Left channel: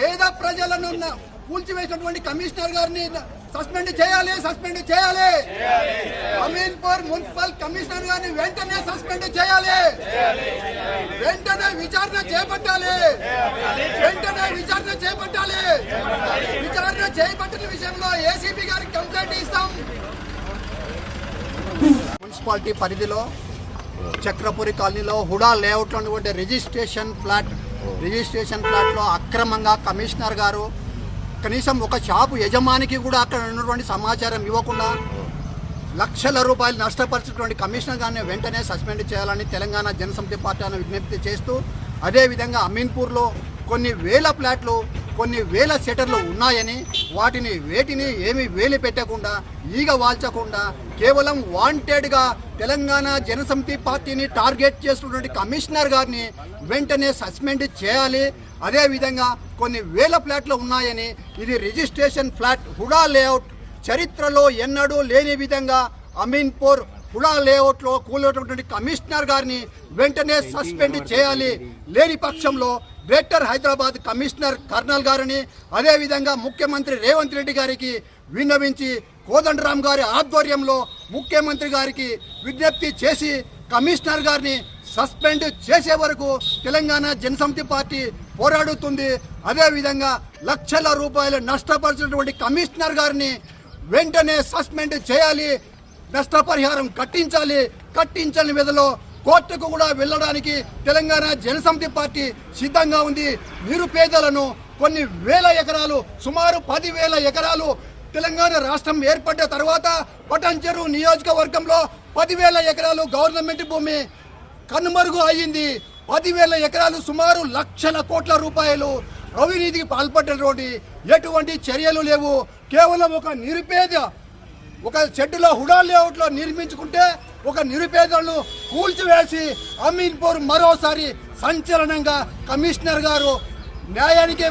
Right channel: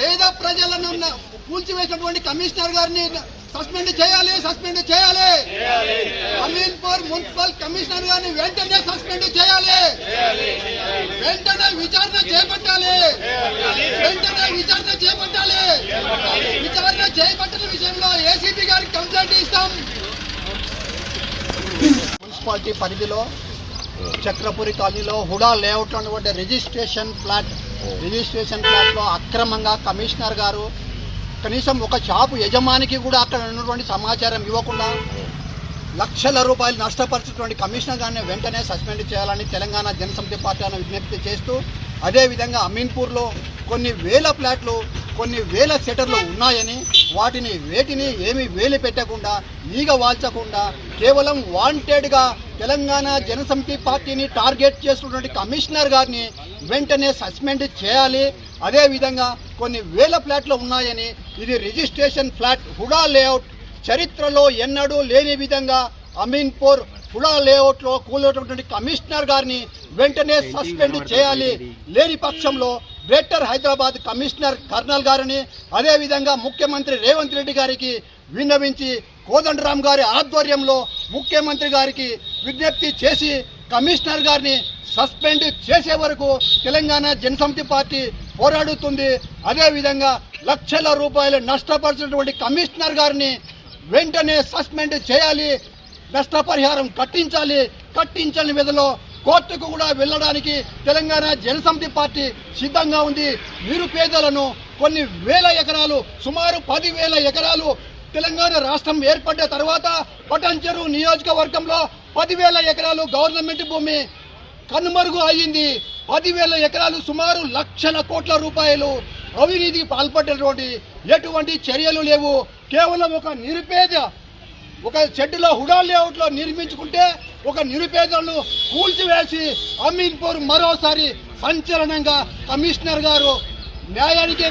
పేద ప్రజలను కూల్చివేసినటువంటి కమిషనర్ గారిని సస్పెండ్ చేయాలి. అమీన్పూర్ మున్సిపల్ కమిషనర్ గారిని వెంటనే సస్పెండ్ చేయాలి. వెంటనే విచారణ చేపట్టాలి. విచారణ చేపట్టిన విషయంలో ఏసీపీ గారికి కంప్లైంట్ ఇస్తాం. మున్సిపాలిటీ పరిధిలో చక్రపురి కాలనీలో హుడా లేఅవుట్లో ఉన్నటువంటి రిజిస్ట్రేషన్ ఫ్లాట్లో అక్రమంగా కమిషనర్ గారు కనీసం ఒక షాపు యజమానికి కూడా అక్కడ ఉన్నటువంటి సమాచారం ఇవ్వకుండా లక్షల రూపాయలు నష్టపరిచినటువంటి కమిషనర్ గారిని వెంటనే సస్పెండ్ చేయాలని తెలంగాణ జనసమితి పార్టీ విజ్ఞప్తి చేస్తూ, అదేవిధంగా అమీన్పూర్లో కొన్ని వేల ఫ్లాట్లు, కొన్ని వేల సెటర్లు ఉన్నాయని వేటిని ఏమీ వేలు పెట్టకుండా, ఈగ వాల్చకుండా కేవలం వాంటెడ్గా తెలంగాణ జనసమితి పార్టీని టార్గెట్ చేస్తున్నటువంటి కమిషనర్ గారిని వెంటనే సస్పెండ్ చేయాలి. అదేవిధంగా కొన్ని వేల ఫ్లాట్లు ఉన్నాయని, ఇది రిజిస్ట్రేషన్ ఫ్లాట్ హుడా లేఅవుట్, చరిత్రలో ఎన్నడూ లేని విధంగా అమీన్పూర్ హుడా లేఅవుట్లో కూలినటువంటి కమిషనర్ గారిని వెంటనే సస్పెండ్ చేయాలి. లేని పక్షంలో గ్రేటర్ హైదరాబాద్ కమిషనర్ కర్నల్ గారిని, అదేవిధంగా ముఖ్యమంత్రి రేవంత్ రెడ్డి గారికి విన్నవించి కోదండరామ్ గారి ఆధ్వర్యంలో ముఖ్యమంత్రి గారికి విజ్ఞప్తి చేసి కమిషనర్ గారిని సస్పెండ్ చేసే వరకు తెలంగాణ జనసమితి పార్టీ పోరాడుతుంది. అదేవిధంగా లక్షల రూపాయలు నష్టపరిచినటువంటి కమిషనర్ గారిని వెంటనే సస్పెండ్ చేయాలి. నష్టపరిహారం కట్టించని విధంలో కోర్టుకు కూడా వెళ్ళడానికి తెలంగాణ జనసమితి పార్టీ సిద్ధంగా ఉంది. నిరుపేదలను కొన్ని వేల ఎకరాలు, సుమారు 10,000 ఎకరాలు తెలంగాణ రాష్ట్రం ఏర్పడ్డ తర్వాత పటాన్చెరు నియోజకవర్గంలో 10,000 ఎకరాలు గవర్నమెంట్ భూమి కనుమరుగు అయ్యింది. 10,000 ఎకరాలు, సుమారు లక్షల కోట్ల రూపాయలు అవినీతికి పాల్పడ్డటువంటి ఎటువంటి చర్యలు లేవు. కేవలం ఒక షెడ్డులో హుడా లేఅవుట్లో నిర్మించుకుంటే ఒక నిరుపేదలను కూల్చివేసి అమీన్పూర్ మరోసారి సంచలనంగా కమిషనర్ గారు న్యాయానికి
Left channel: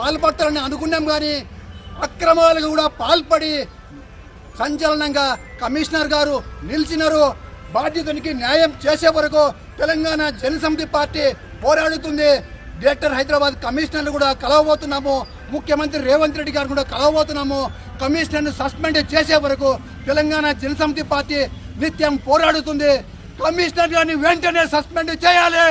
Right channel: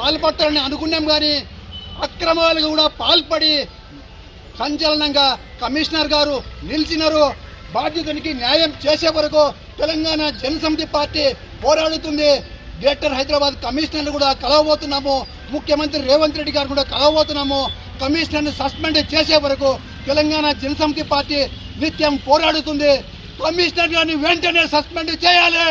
పాల్పడతారని అనుకున్నాం, కానీ అక్రమాలకు కూడా పాల్పడి సంచలనంగా కమిషనర్ గారు నిలిచినారు. బాధ్యతనికి న్యాయం చేసే వరకు తెలంగాణ జనసమితి పార్టీ పోరాడుతుంది. గ్రేటర్ హైదరాబాద్ కమిషనర్ను కూడా కలవబోతున్నాము. ముఖ్యమంత్రి రేవంత్ రెడ్డి గారు కూడా కలవబోతున్నాము. కమిషనర్ను సస్పెండ్ చేసే వరకు తెలంగాణ జనసమితి పార్టీ నిత్యం పోరాడుతుంది. కమిషనర్ గారిని వెంటనే సస్పెండ్ చేయాలి.